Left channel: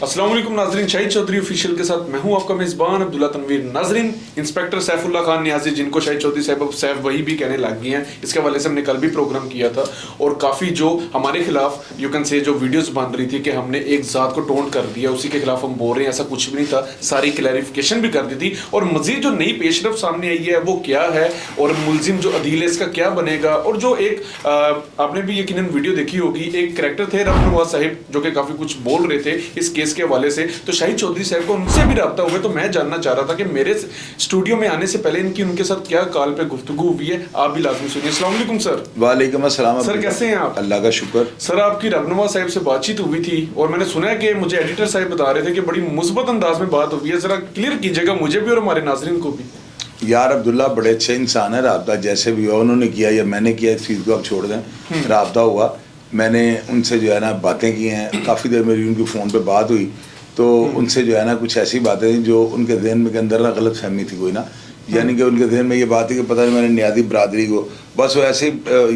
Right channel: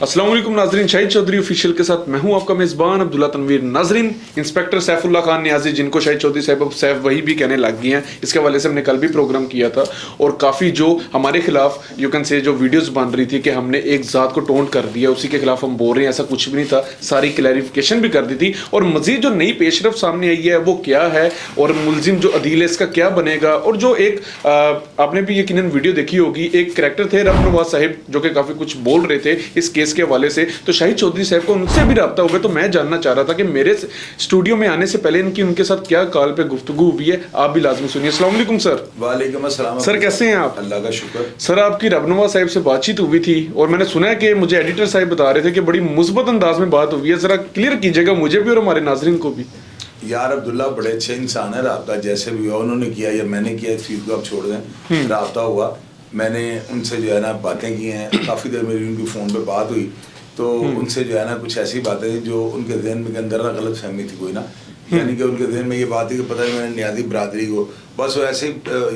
अस्सलाम वालेकुम नाजरीन, शाहिद चौधरी ऑफिशियल के साथ मैं हूं आपका मेज़बान अब्दुल्ला तनवीर। नाजरीन, इंस्पेक्टर सैफुल्लाह खान नियाज़ी, जिनको शाहिद चौधरी साहब वही भी कहने लग गए हैं, इसके हवाले से हमने कल भी प्रोग्राम किया था और काफ़ी जो हमारे खिलाफ यू कैन से जो वीडियोस बन रही थी कि हमने एक ज़ात को टोंट कर दिया, उसी के खिलाफ हम बोल रहे हैं, ऐसा कुछ भी नहीं था। सारी क्लैरिफिकेशन भी कर दी थी और मज़ीद जो नई पेशरफ सामने आई है वो क्या है और मुलजिम जो अदील है इसका क्या बनेगा। और जो एक आपने भी यकीनन वीडियो देखी होगी, एक करैक्टर थे रब नवाज साहिब जो कि काफ़ी कुछ बोल रहे थे इस केस के हवाले से, तो शाहिद चौधरी साहब को उनसे भी रब्ता हुआ। तो मैं जानना चाह रहा था कि मेरे स्टूडियो में आने से पहले इनकी उनके साथ क्या कॉल पे गुफ्तगू हुई है, आप भी लाजमी सुनिए। अस्सलाम वालेकुम सर। वालेकुम अस्सलाम सर, कैसे हैं आप? अल्लाह का शुक्र। सर, आपकी रब नवाज साहब से बातचीत हुई थी और मैंने सुना है कि मुझे एडिटर साहब बता रहे थे कि बड़ी मुस्बत अंदाज में बात हुई है, जरा क्लियर कीजिएगा मुझे भी और हमारे नाजरीन को भी। यार अब्दुल्ला बड़े अच्छे इंसान है, राब्ता जैसे भी हुआ उन्होंने किया या मैंने किया, इस चीज़ को आप छोड़ दें। राब्ता हुआ, मैंने उनसे जो है ना बातें की हैं, काफ़ी देर मेरी उनकी फ़ोन पे बात हुई, तो उनसे जो है ना कुछ ऐसी बातें थी जो उनके जहन में के अंदर ना गलत फहमी थी कोई ना, यानी कि उनके जहन में ये बात थी कि पता नहीं मैंने नियादी बरादरी को बस वो ऐसे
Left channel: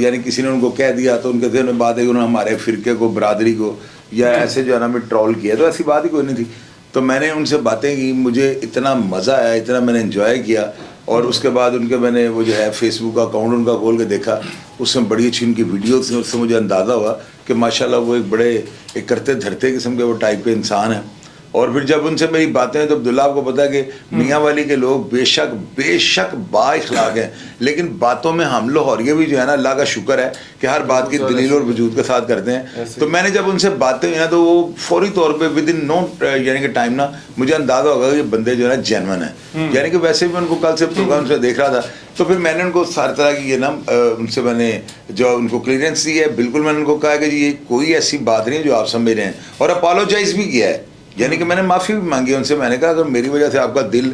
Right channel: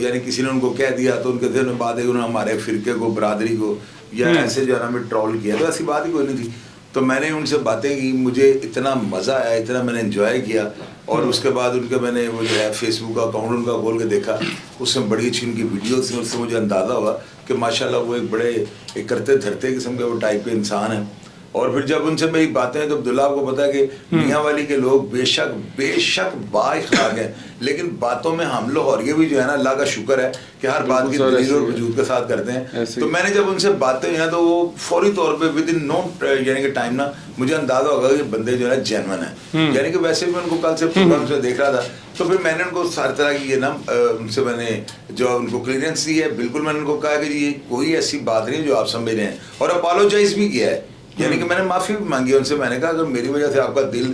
यानी किसी ने उनको कह दिया तो उनके जहन में बात है कि उन्होंने हमारे फ़िरके को, बरादरी को या ऐसे जो है ना हमें ट्रोल किया, तो ऐसी बात ही कोई नहीं थी। तो मैंने उनसे बातें की, मुझे इतना मज़ा आया, इतना मैंने इन्जॉय किया। और उसके बाद उनके मैंने वो जो है फेसबुक अकाउंट उनका खोल के देखा, उसमें बड़ी अच्छी उनकी वीडियो थी, उससे मुझे अंदाज़ा हुआ कि माशाल्लाह वो एक बड़े एक करते धरते किस्म के वो टाइप के इंसान हैं। और फिर जब उनसे मेरी बातें तो अब्दुल्ला आपको पता है कि मियाँ वाली के लोग बेशक बाइखलाक हैं, लेकिन बातों में हम लोग और ये भी जो है ना अल्लाह का शुक्र है कि हर बात की दलील और वजूद के साथ करते हैं। तो मैंने जब उनसे बातें हुई ना तो वो फौरी तौर पे विद इन नो यानी कि टाइम ना मुझे अंदाज़ा होगा कि ये बंदे जो है ना जेन्युइन है। यानी कि वैसे भी उनको कल से प्रोग्राम से देख रहा था, तो फिर मैंने उनको सारी तरह की ये ना उनसे मैंने जो उनको क्लियरेंस दी है, बिल्कुल मैंने उनको कहा कि ये कोई ऐसी बात नहीं है जो आप समझ रहे हैं, और अपोलोजाइज भी किया है, यानी कि मैंने माफ़ी भी मांगी उनसे। मैंने कहा अगर मेरी वजह से आपका दिल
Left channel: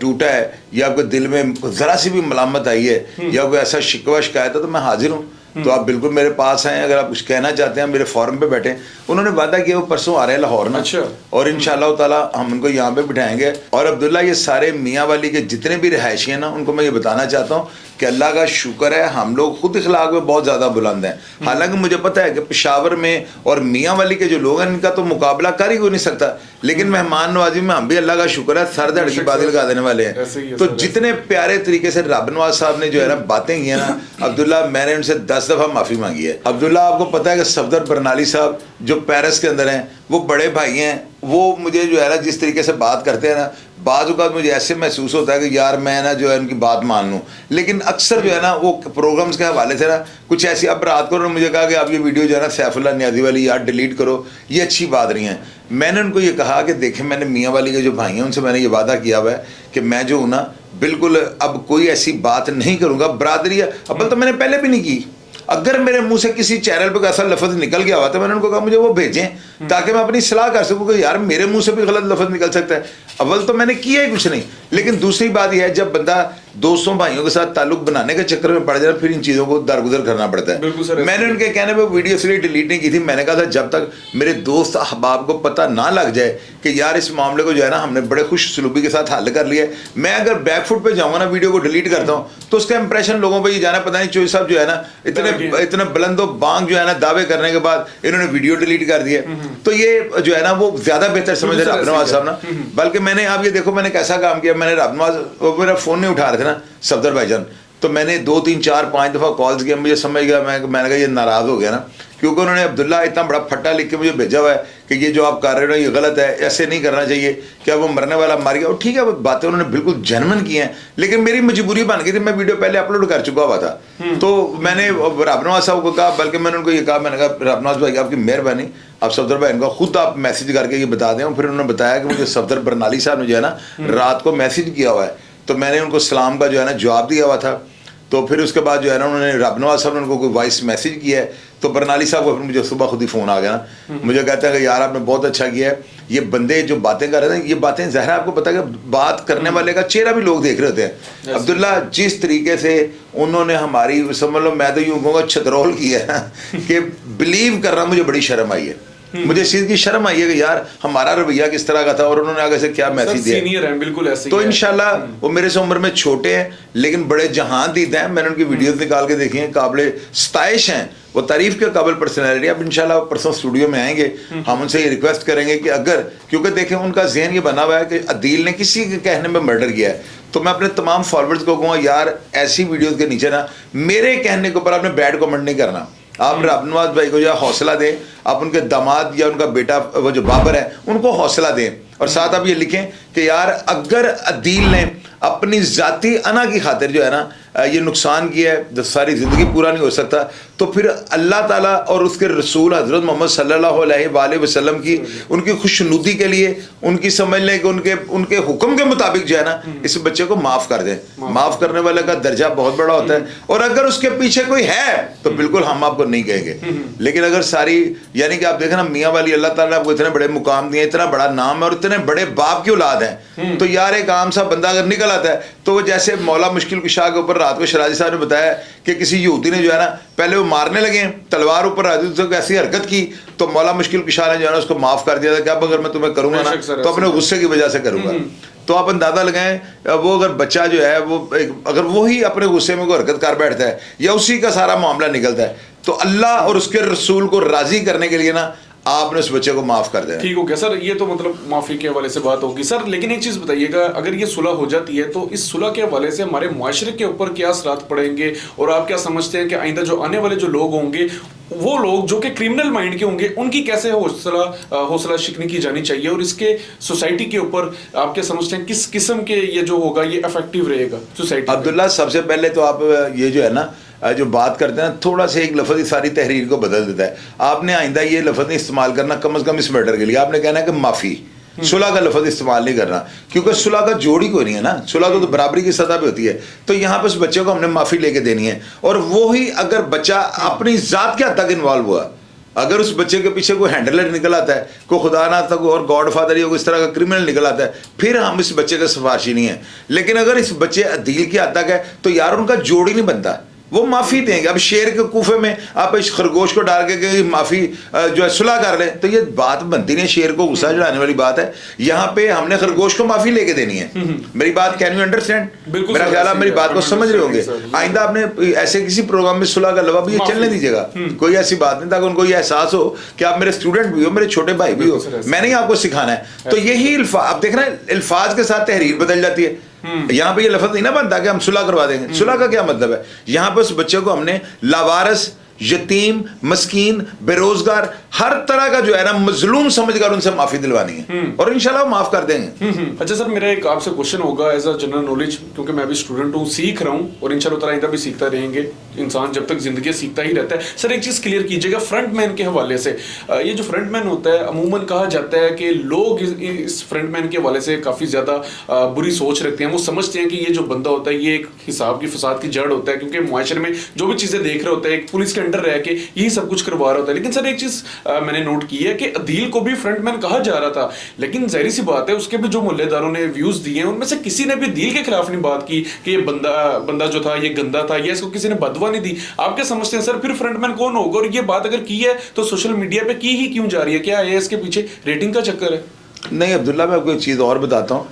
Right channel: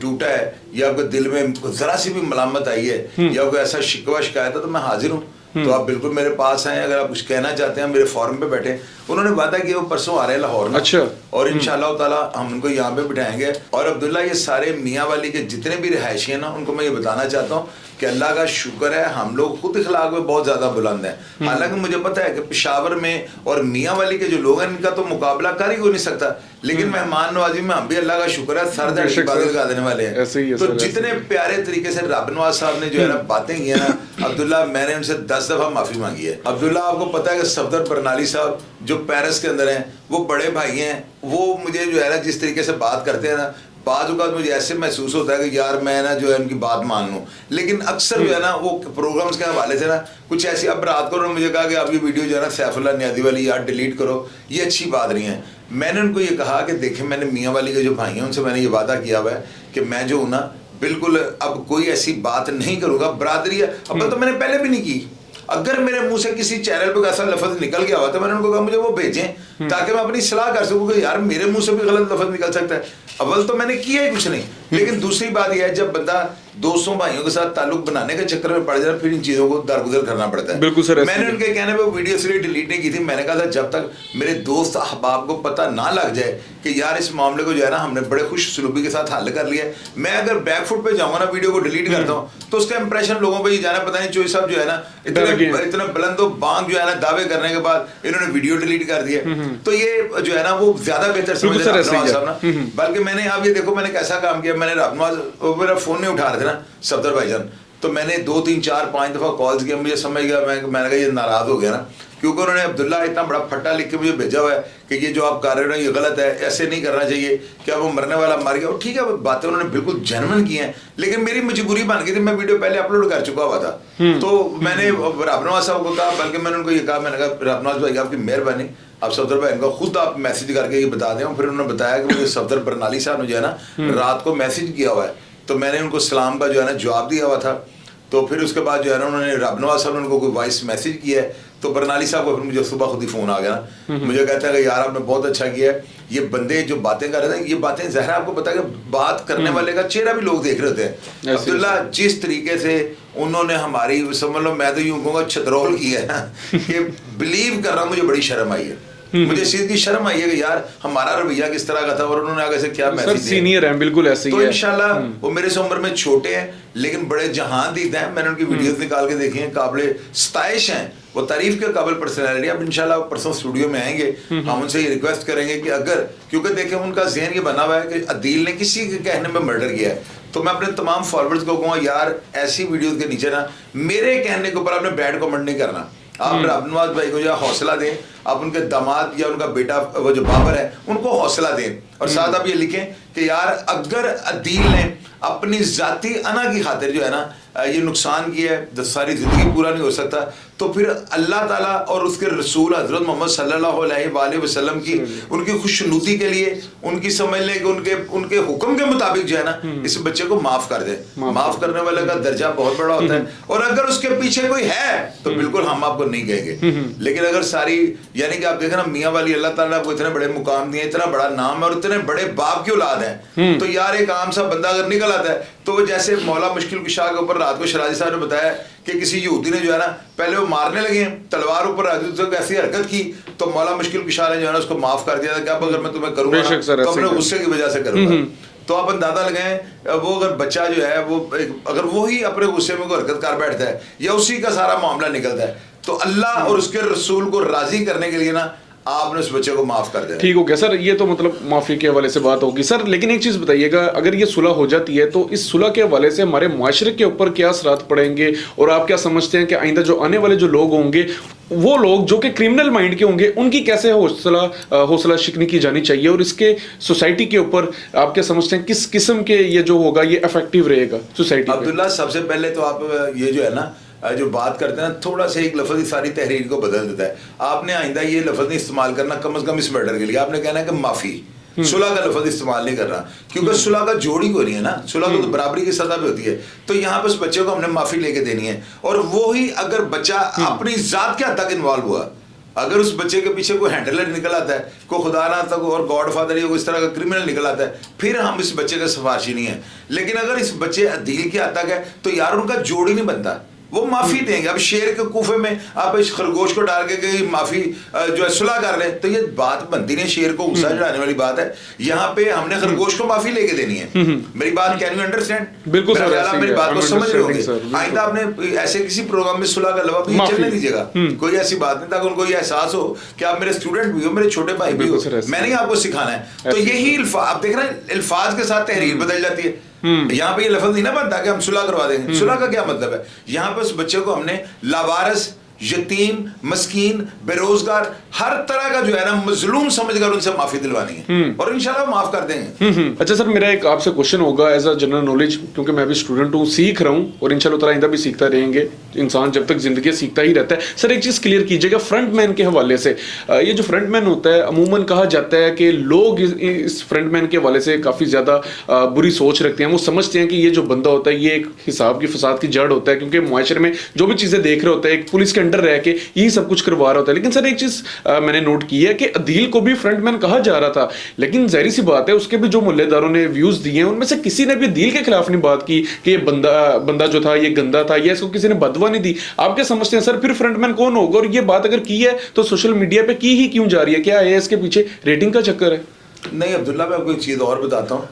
टूटा है या आपके दिल में ज़रा सी भी मलामत आई है या कोई ऐसा शिकवा शिकायत है तो मैं हाजिर हूँ, तो आप बिल्कुल मेरे पास आएँ, अगर आप कुछ कहना चाहते हैं मेरे फोरम पे बैठे। उन्होंने वादा किया वो परसों आ रहे हैं लाहौर में, अच्छा, और इंशाल्लाह ताला हम उनको यहाँ पे बिठाएंगे। और अब्दुल्ला ये सारे मियाँ वाली के जितने भी रिहायशी हैं ना, उनको मैं ये बताना चाहता हूँ कि अल्लाह का शुक्र है हम लोग खुद इखलाक में बहुत ज़्यादा बुलंद हैं। हालांकि मुझे पता है कि पेशावर में और मियाँ वाली के जो लोग हैं इनका तो मुकाबला कर ही कोई नहीं सकता, लेकिन मेहमान नवाजी में हम भी अल्लाह का शुक्र है सर धड़ की बातें लगा देने वाले हैं। तो जितने प्यारे तरीके से रब नवाज साहब ने जो है ना बातें की हैं ना अब्दुल्ला, मैंने उनसे 10 दफ़ा माफ़ी मांगी है। अब्दुल्ला आपको पता है कि सफदर बरनाली साहब जो पेरिस के अंदर हैं, वो बड़े भाई हैं, वो मुझे जो है ना जिस तरीके से बात करते हैं ना, बाज़ औक़ात मुझे ऐसे महसूस होता है कि यार मैं ना जो है उनकी बात मान लूँ, लेकिन अक्सर जो है ना वो प्रोग्राम्स के हवाले से ना कुछ ऐसी, अब रात को मुझे कहा कि आप ये वीडियो जो है ना सैफुल्लाह नियाज़ी वाली यार डिलीट करो, ये अच्छी बात नहीं है। मैंने उनको ये कहा कि देखें, मैंने मियाँ वाली के जो भाई हैं उनसे मैंने ये वादा किया हुआ है कि मैं जो हूँ ना बिल्कुल अब कोई ऐसी बात नहीं करूँगा, बरादरी है अब तो मैंने पहले भी नहीं की। अगर मेरे मुंह से किसी चैनल पर ऐसा लफ्ज़ निकल गया हुआ तो मैंने उनको कहा मुझे वो भेजें ताकि मैं अपनी सलाह कर सकूँ कि यार मेरे मुंह से भी गलत लफ्ज़ निकल सकता है। अव्वल तो मैंने किया ही कुछ नहीं, लेकिन दूसरी बात यह है जब बंदा दोस्तों भाइयों के साथ ताल्लुक बनाने के चक्कर में पड़ जाए फिर इन चीज़ों को दरगुजर करना पड़ता है। बिल्कुल सर, मैंने उनके कहने पर वीडियो इसलिए डिलीट नहीं की थी, मैंने कहा था जब तक मेरे दोस्त अहबाब को पता ना लग जाए कि यार इस मामले को जो है ना हमने बड़े खुश सलूबी के साथ हल कर लिया, मैं अगर बैकफुट पे जाऊँगा ना वीडियो को डिलीट करता हूँ तो उसका इंप्रेशन लोगों पर ये जाना, पता नहीं चोई साहब जो है ना इतने बुलंदो बांग जो है ना दावे करने के बाद इन्होंने वीडियो डिलीट कर दिया, तो ये जो है ना वो ज़्यादा बेहतर समझ रहे रब नवाज साहब ना। बल्कि मैंने आप ये देखो मैंने कैसा काम किया, मैंने रब नवाज मेरा फ़ोन नहीं उठा रहे थे ना सफदर भाईजान, तो मैंने 2 3 4 5 दफ़ा कॉल्स किया, मुझे समझ गया, मैंने कहा ये नाराज़ हो गया ना, क्योंकि उन्होंने अब्दुल्ला इतना बड़ा फट्टा लिख के मुझे भेजा हुआ है कि ये जो आप कर रहे हो ये गलत है, ऐसे नहीं करना चाहिए, क्या वो मरने वाला मर गया। और ठीक है वो बातें उन्होंने बिल्कुल जेन्युइन की हैं, लेकिन मेरी मजबूरी बन गई थी, मैं वीडियो पहले अपलोड कर चुका हुआ था। तो मैंने रब नवाज साहब को कहा, बल्कि मैंने उनको ये कहा, मैंने कहा रब नवाज भाई आपकी मेहरबानी, आप सफदर भाई इनको खुद आप मैसेज करके ये बता दें। फिर उन्होंने बताया कि मुझे सफदर बरनाली साहब ने जो है ना रात को मैसेज किया हुआ है, तो मैंने उनको सलाम का जो है ना जवाब दिया हुआ था। तो फिर उसके बाद जो है ना उन्होंने रब नवाज साहब ने उनको कोई वॉइस मैसेज किया है, तो बरनाली साहब को फिर मुझे सुबह खुद ही फ़ोन आ गया ना, मुझे कहता है कि यार आपने बहुत अच्छा किया है, ये बंदे जो बातें कर रहे थे ये बातें ज़ाहिर है आपको पता है कि बात करने वाले का चेहरा भी लोग देख रहे होते हैं। अब्दुल्ला जिस तरीके से उन्होंने हमारी समझ लो मैं तो यूँ कहूँगा छतरोल किया है कि बिलीव करना मुझे बड़ी शर्म आई है। मुझे इस चीज की शर्म आई है कि यार हमारा रवैया किस तरह का था और उन्होंने आगे से क्या मैसेज दिया। सीनियर हैं, बिल्कुल ऐसे ही तो है। इंशाल्लाह वो मेरे से उम्र में छोटे हैं लेकिन बड़े जहान दीद हैं। मैंने उनकी वीडियोस निकाल के देखी हैं, काबिल सताइश हैं, वो तारीफ के काबिल पर्सनैलिटी। अब इंशाल्लाह परसों स्टूडियो में आएंगे, हम उनसे ये रिक्वेस्ट करेंगे कि अगर, क्योंकि देखें उनका जहन ये बना हुआ है कि अदील ने किसी के कहने में मर्डर किया है, तो मैं अपने तमाम फॉलोअर्स को कहूँगा यार ऐसी वीडियोस के नीचे ना मेरे कहने के ऊपर आपने बैड कमेंट नहीं करना। आप नवाज भाई को या हौसला दें, आप उनके दामाद या उनका बेटा वो जो बाबर है उनको हौसला दें, और साथ आप ये लिखें कि यार अगर अदील ने अपनी जाती अना की खातिर जो है ना ये नुकसान किया है, जब सारी ज़िंदगी पूरा नहीं हो सकता, तो फिर अल्लाह ताला और उसके रसूल हज़रत मोहम्मद सल्लल्लाहु अलैहि वसल्लम की उनकी खुशनुदी के लिए, उनकी समझ लें कि उनके हुक्म के मुताबिक जो है ना इस बच्चे को माफ़ कर दें। माफ़ करने वाले का दर्जा बहुत बड़ा होता है, और अगर उसके पीछे कोई है तो बिल्कुल हम आपको नहीं कहेंगे। लेकिन अगर सारी, यानी कि आप देखें ना मियाँ वाली, अल्लाह ताला आपको इतने बड़े मुकाम दिए, इतना बड़ा नाम है और इतने बड़े बाप की औलाद है, तो यार एक आम सा बंदा अगर निकल आता है तो वो जैसे मौला मुश्किल कुशा के ऊपर रात को शराजी साहब ने बताया कि किसी यहूदी ने जो है ना पहले वो मारने लगे, तलवार ऊपर ऐसी हरकत की तो मौला मुश्किल कुशा ने जो है ना उसको माफ कर दिया था कि अब अगर मैं तुम्हें करूंगा ना तो अपने गुस्से की वजह से करूंगा। तो आप अंदाजा लगाएं वो अगर बच्चा जो है वो अगर वो ही अपने गुस्से में कोई हरकत कर बैठता है या उसी का सारा मामला निकलता है, तो अल्लाह और उसके रसूल को राजी करने के लिए ना आपने उस बच्चे को माफ कर दिया। ठीक हो गया सर, ये तो मतलब माफी के हवाले से बात होगी सर। लेकिन एक चीज बताइएगा, अगर ये सुलह हो जाती है तो इस सुलह के हवाले से हमारे मुआशरे के ऊपर क्या असरात पड़ेंगे, और आप क्या समझते हैं कि आइंदा जो आने वाले जो लोग होंगे, वो लोग जो कि क्रिमिनल माइंड के होंगे, उनकी कैसे हौसला शिकनी की जानी चाहिए, और इसके सोसाइटी के ऊपर आप क्या समझते हैं किस किस्म के ये जो होगा ये इफेक्टिव रहेगा सोसाइटी? अब्दुल्ला, सबसे पहले तो आप ये जो है ना जो बात करते हैं थोड़ा सा एक लफ्ज़ सारी तहरीर को बदल देता है। आपने आइंदा ये लफ्ज़ नहीं इस्तेमाल करना, कम से कम इस मैटर के लिए आपने कहना है कि माफ़ी, सुलह का लफ्ज़ इस्तेमाल नहीं करना, क्योंकि सुलह का जोड़ी को नहीं है ना, सुलह तो बराबरी की सतह पे होती है। तो यहाँ पे उस बच्चे को हमने माफ़ी लेके देनी है, और वो ही अगर बच्चा अपनी ज़ात के हद तक इन्वॉल्व हुआ, अगर उस बच्चे के पीछे कोई हैंडलर निकल आता है, कोई खुदा ना तक और गॉड फादर या इस तरह का क्रिमिनल निकल आता है, फिर हम इस बच्चे के सिफारशी नहीं है। लेकिन अगर इस बच्चे अदील के हद तक है तो यार उनका जोड़ ही नहीं बनता, वो माफ़ी देंगे। अब शेर के कूफे में आप इस खरगोश को डाल के माफ़ी जो है सुलह कर लें तो ये बात बनती नहीं, शेर को गुस्सा चढ़ाने वाली बात है। यहाँ पे हमने खरगोश को माफ़ी लेके देनी है। मेरी बात कैन यू अंडरस्टैंड? बिल्कुल, मेरा ख्याल आप मेरी बात को समझ रहे होंगे। आइंदा आपने ऐसे किसी प्रोग्राम में सुलह का लफ्ज़ भी चलने दीजिएगा, कोई ऐसी बात नहीं, ताकि उनको ये एहसास हो कि आप मेरे स्टूडेंट भी हो, मेरे छोटे भाई भी हो, मैंने आपको सिखाना है। तो यही आप देख रहे हैं अल्फाज के साथ तहरीर बदल जाती है। यहाँ पे ये लफ्ज़ नहीं ना बनता कि हम सुलह करवा देंगे। सुलह का क्या मतलब है? यहाँ पे उस बच्चे को हमने लावारिस, यतीम, मस्कीन, बेरोजगार, हर तरह का जो है ना मजलूम समझकर उनसे माफी दिलवानी है, और इंशाल्लाह माफ कर देंगे। अच्छा सर, मेरा एक आपसे क्वेश्चन होगा एज अ जनरल नॉलेज, क्योंकि मैं भी स्टूडेंट हूँ, सीख रहा हूँ, और इंशाल्लाह ताला आइंदा भी सीखता रहेंगे। इंसान जब तक जिंदगी सीखता ही रहता है। सर एक चीज क्लियर कीजिएगा फ्रंटमैन के हवाले से, ये जो फ्रंटमैन होता है अमूमन कहा जाता है कि लोग इस फ्रंटमैन के हवाले से काफी ज्यादा बुरी सोच रखते हैं। वो समझते हैं कि ये जो बंदा होता है ये एक हिसाब की फसाद की जड़ होता है, क्योंकि मुआशरे में जो भी चीजें देख रहे होते हैं एक पुलिस के अंडर रह के यही सब कुछ करवा रहा होता है। लेकिन सर एक चीज मैंने नोट की है कि अदील को भी फ्रंटमैन कहा जा रहा था, लेकिन जाहिर सी बात है उसके भी जो मुल्लेदारों ने व्यूज दिए हैं उनमें से किसी ने भी अदील के खिलाफ नहीं बात की कि ये बंदा जो था ये गंदा था, या इसको किसी ने बदवा नहीं दी। आप क्या समझते हैं सर फिर फ्रंटमैन कौन होगा? और ये बात अगर की है तो सोशल मीडिया पे की ही क्यों जा रही है? क्या है इसके पीछे रेटिंग का चक्कर है? नहीं अब्दुल्ला, मैं आपको एक चीज़ और बताता हूँ।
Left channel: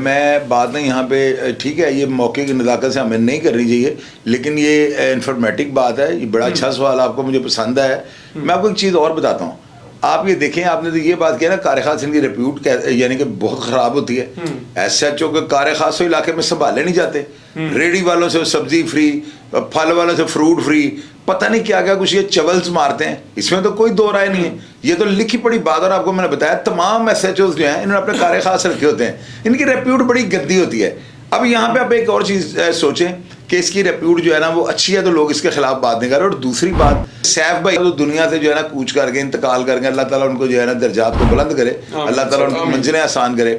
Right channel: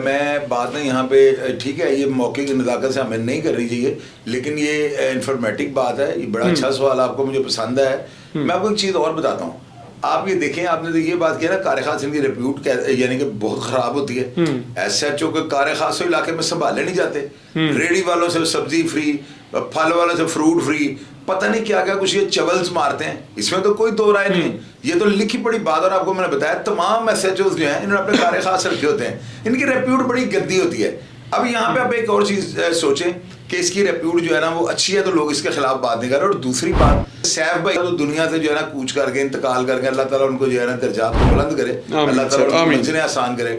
मैं बात नहीं यहाँ पे, ठीक है ये मौके की नज़ाकत से हमें नहीं करनी चाहिए, लेकिन ये इन्फॉर्मेटिव बात है, ये बड़ा अच्छा सवाल आपको, मुझे पसंद है। मैं आपको एक चीज़ और बताता हूँ। आप ये देखें, आपने तो ये बात किया ना कार खास की रिप्यूट यानी कि बहुत ख़राब होती है। SHO के कार खास इलाके में संभाले नहीं जाते, रेडी वालों से सब्जी फ्री, फल वालों से फ्रूट फ्री, पता नहीं क्या क्या कुछ ये चवल्स मारते हैं, इसमें तो कोई दो राय नहीं है, ये तो लिखी पड़ी बात। और आपको मैंने बताया तमाम SHOs जो हैं इन्होंने अपने कार खास रखे होते हैं, इनकी रेप्यूट बड़ी गंदी होती है। अब यहाँ पे आप एक और चीज़ सोचें कि इसकी रेप्यूट जो है ना वो अच्छी है तो लोग इसके खिलाफ बात नहीं कर रहे। और दूसरी बात, सैफ भाई तो दुनिया से जो है ना कूच करके इंतकाल करके, अल्लाह ताला उनको जो है ना दर्जात को बुलंद करे, अल्लाह ताला उनकी मंजिलें आसान करे।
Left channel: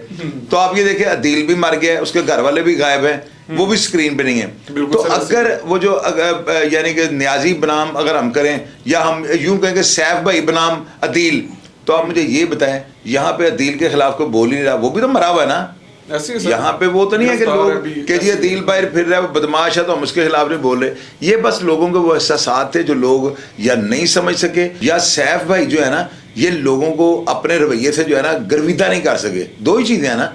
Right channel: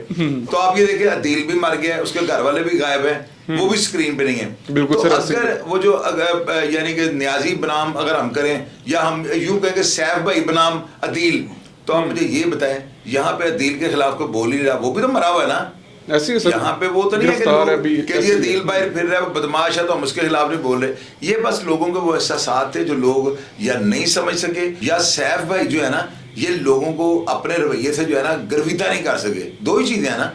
तो आप ये देखें अदील भी मर गया, उसके घर वाले भी गायब हैं, वो भी स्क्रीन पे नहीं है। तो अगर वो जो यानी कि न्याजी बनाम अगर हम करें, या हम यूं कहें कि सैफ भाई बनाम अदील, तो आप मुझे ये बताएं यहाँ पे अदील के खिलाफ कोई बोल ही नहीं रहा, वो भी तो मरा हुआ है ना। ऐसे ही सर, यहाँ पे वो तो नहीं है कि गिरफ्तार है लोग अभी, कि ये ऐसे ही दिल बाहर फिर रहा है, वो बदमाश है तो हम उसके खिलाफ नहीं बोल रहे। ये बस लोगों के वो एहसास थे जो लोग या नहीं समझ सके, या सैफ भाई जो है ना ये लोगों को अपने रवैये से जो है ना गर्विता नहीं कर सके। दो ही चीजें हैं ना।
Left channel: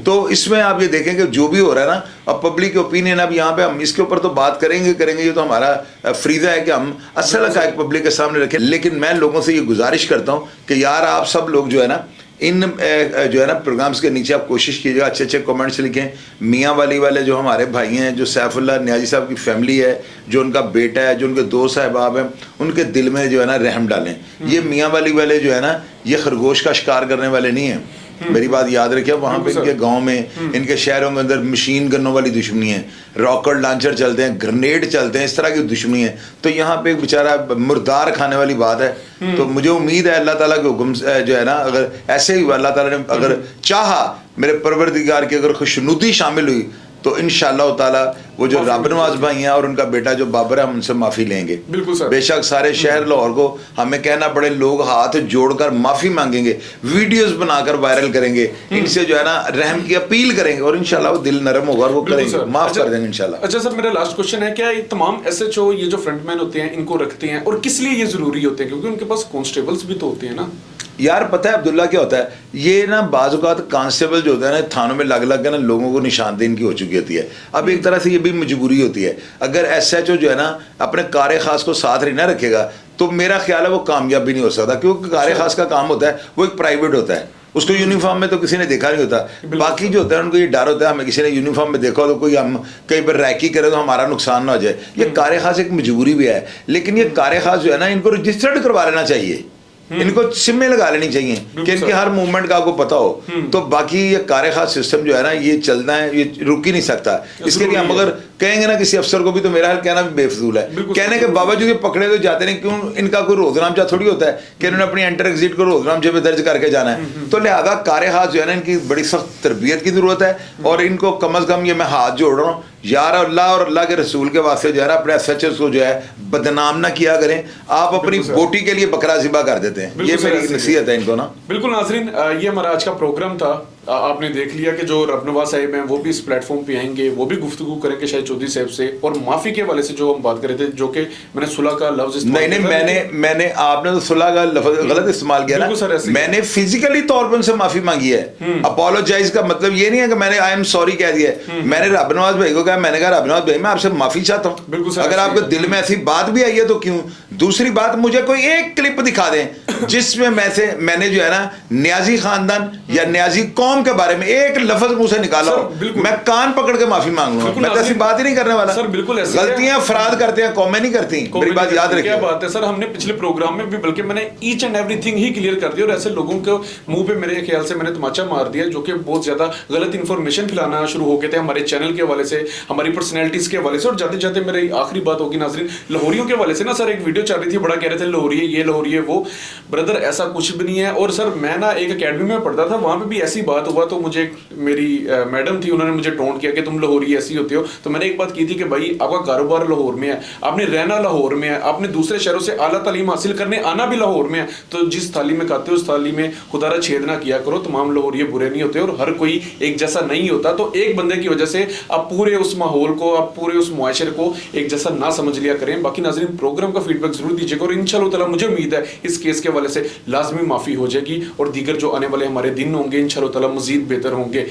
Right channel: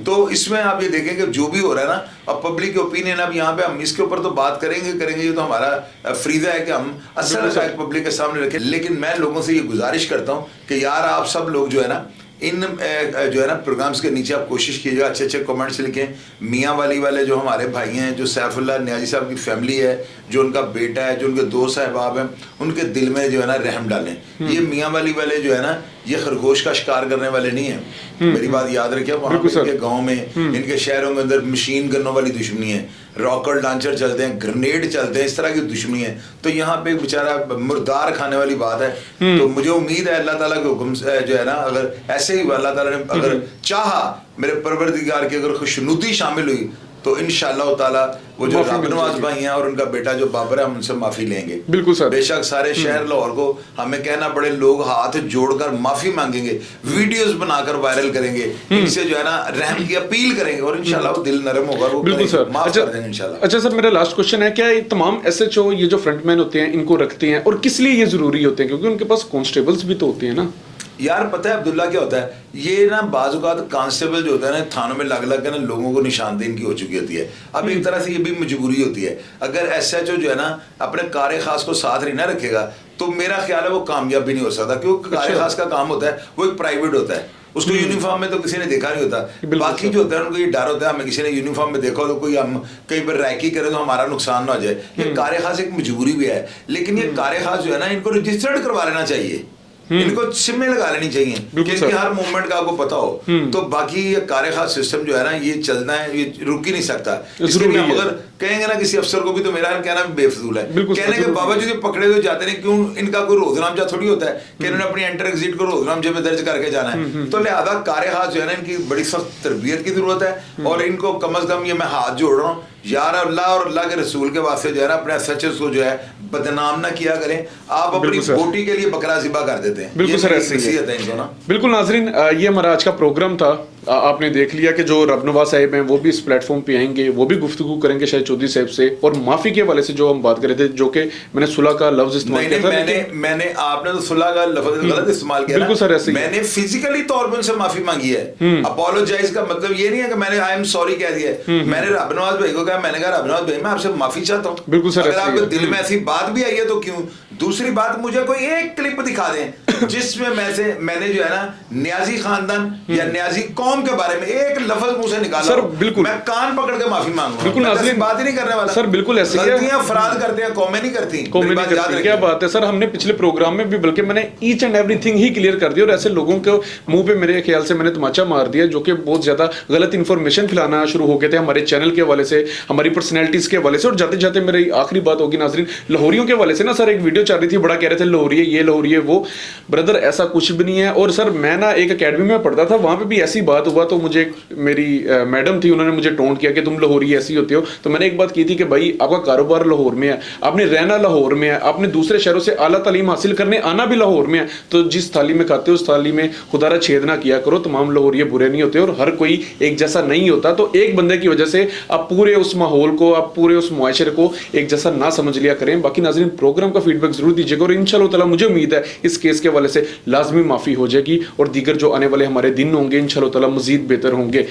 तो इसमें आप ये देखें कि जो भी हो रहा है ना, अब पब्लिक ओपिनियन, अब यहाँ पे हम इसके ऊपर तो बात करेंगे ये तो हमारा फरीजा है कि हम असल हक़ाइक़ पब्लिक के सामने रखें। लेकिन मैं लोगों से ये गुजारिश करता हूँ कि यार आप सब लोग जो है ना इन जो है ना प्रोग्राम्स के नीचे आप कोशिश कीजिएगा अच्छे अच्छे कमेंट्स लिखें। मियाँ वाले जो हमारे भाई हैं, जो सैफुल्लाह नियाज़ी साहब की फैमिली है, जो उनका बेटा है, जो उनके दो साहबाब हैं, उनके दिल में जो है ना रहम डालें। ये मियाँ वाले जो है ना ये खरगोश का शिकार करने वाले नहीं हैं। मेरी बात याद रखिए, वहाँ पे इनके गाँव में, इनके शहरों के अंदर मशीन गनों वाली दुश्मनी है, रॉकेट लॉन्चर चलते हैं, ग्रेनेड चलते हैं, इस तरह की दुश्मनी है। तो यहाँ पे बेचारा मुर्दार खाने वाली बात है। तो मुझे उम्मीद है अल्लाह ताला के हुक्म जो है ना, अगर ऐसे ही अल्लाह ताला ने अगर चाहा, मेरे परवरदिगार की अगर खुशनुदी शामिल हुई, तो इंशाअल्लाह ताला वो जो रब नवाज भाई हैं और उनका बेटा जो बाबर है, हम उनसे माफी लेंगे। बिल्कुल सर। बेशक सारे शहर लाहौर को हमें कहना पड़े, लोग हाथ जोड़कर माफी मांगेंगे, वीडियोस बनाकर वायरल करेंगे, इनसे जो है ना रहम की अपील करेंगे, और इंशाल्लाह वो दिल नरम होगा, वो करेंगे, माफ कर देंगे इंशाल्लाह। अच्छा सर, मेरा लास्ट क्वेश्चन है, क्या ये तमाम एसएचओ ये जो फ्रंटमैन होते हैं इनको रखते हैं, और किस लिए ये जरूरी होते हैं? क्योंकि उनके पास कांस्टेबल्स भी तो होते हैं ना। यार पता है अब्दुल्ला क्या होता है, ये ना बाज़-औक़ात कांस्टेबल जो होता है ना थानों में लग लग के ना लोगों को निशानदेही इनकी हो चुकी होती है। अब एक तरह से ये भी मजबूरी होती है। अगर एसएचओ जो है ना अपने कार खास को साथ नहीं ना रखेगा, तो मेरा ख्याल है वो कामयाब भी नहीं हो सकता, क्योंकि कार खास का काम होता है वो एक प्राइवेट होता है, उसको यूनिफॉर्म में तो किसी ने देखा नहीं होता। बाकी जो होता है उनको ये डर होता है, हमें किसी ने यूनिफॉर्म में देखा हो तो कोई हम कहीं पर रैकी करे तो हमारा नुकसान ना हो जाए। ये कार खास एक मजबूरी भी है, लेकिन ये कार खास जो है ना इनको रजिस्टर्ड करवा लेना चाहिए, इनको सिम्में लगा लेनी चाहिए कि इनके हर मूवमेंट का आपको पता हो। तो बाकी ये कार खास सिस्टम जो है ना ये चलना है, ये रुक ही नहीं सकता। इसके लिए हम अगर कहेंगे ना किसी अफसर को भी, तो मेरा हाल कहना भी बेफजूल है। कहने के बावजूद ये पकड़े हुए जाते नहीं, क्यों? इनका कोई रोजनामचा थोड़ी होता है कि इन्होंने अपनी एंटर एग्जिट को रोजनामचे पे दर्ज करके जाना है। तो लिहाजा कार खास जो है ना इनकी बड़ी सख्त तरबियत की जरूरत है, और इनको कम अज कम ये मैं हाथ जोड़ रहा हूँ यार, अल्लाह और अल्लाह के रसूल के वास्ते जो है ना अपने एसएचओ को जो है बदनाम ना किया करें। आप अपनी बोटी के लिए बकरा ज़िबा कर देते हैं, ये मेरी नसीहत है इनको ना। बिल्कुल नाज़रीन, ये हमारा आज का प्रोग्राम था। आपने देख लिया कि जो रब नवाज साहिब हैं वो भी इस प्लेटफॉर्म पे आएंगे, वो भी गुफ्तगू करेंगे शाहिद चौधरी साहब से, और माफी के हवाले से जो हम बात कर रहे थे, जो कि मैंने सुलह का लफ्ज मैंने आपने तो सुलह का लफ्ज गलत इस्तेमाल किया ना। मैंने फिजिकली तौर पर उनसे माफी मांगी है। अपोलोजाइज का मतलब ये नहीं है कि मैंने आई एम सॉरी कह दिया। मैंने रब नवाज भाई को कहा, मैंने कहा रब नवाज भाई मैं आपसे माफी चाहता हूँ, अगर आपके दिल में ऐसी बात भी आई है तो क्यों। दूसरी बात, मुझे कोई एक क्लिप दिखा दें जिसमें मैंने जो है ना नियाजी खानदान या नियाजी कौम के बारे में एक लफ्ज मुंह से निकाला, मैं कान पकड़ के माफी मांगूंगा। मैं ऐसी बात ही नहीं करने वाला सर। बिल्कुल ऐसी गलतियां अफराद करते हैं, कौमें नहीं करती। मेरी बात याद रखिए। क्या बात है सर, हमने पिछले प्रोग्राम में भी बल्कि मैंने each and everything he clear कर दिया, और ऐसे लोगों के मुंह पे मेरे ख्याल से मैंने तमाचा मार दिया जो कि बहुत ज्यादा गलत इंफॉर्मेशन फैलाना शुरू हो गए थे हमारे चैनल के हवाले से, हमारी पर्सनैलिटीज के हवाले से। और जाते जाते मेरी आखिरी बात होगी नाज़रीन, लाहौरियों के हवाले से ना सर एक वीडियो चल रही थी, बड़ा कह रहे थे लाहौरी है ये, लाहौरी है वो। ब्रदर ऐसा कुछ भी नहीं है। और सर मैं ना एक अकेडमी में पढ़ता था, वहां पे भी ऐसी बात हुआ, तो मुझे मेरी मैडम थी, उन्होंने मुझे टोंट किया कि तुम लाहौरी ऐसी होते हो। तो मैंने एक बात की थी कि भाई आपका कारोबार लाहौर में है, आपने रहना लाहौर में है, आपने दूसरे शहरों से आला तालीम हासिल करने आना भी लाहौर में है, तो जिस थाली में खाते हो उस थाली में खुदारा छेद ना किया करो। तमाम लाहौरी बुरे नहीं होते और हर कोई एक जैसा नहीं होता। तो एक बंदे की वजह से आप पूरे उस माहौल को, आप पूरे उस मुआशरे को एक जैसा ना समझ लिया करें। बाकी नाज़रीन प्रोग्राम का फीडबैक जरूर दीजिएगा, और इंशाअल्लाह ताला मुझे उम्मीद है इस केस के हवाले से लाजमी माफ़ी हो जाएगी, और दीगर जो आने वाले हमारे दिन होंगे इंशाअल्लाह ताला मजीद बेहतर होंगे।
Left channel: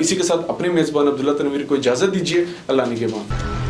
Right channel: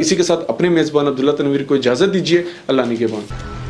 इसी के साथ अपने मेज़बान अब्दुल्ला तनवीर को इजाज़त दीजिए। अल्लाह निगहबान।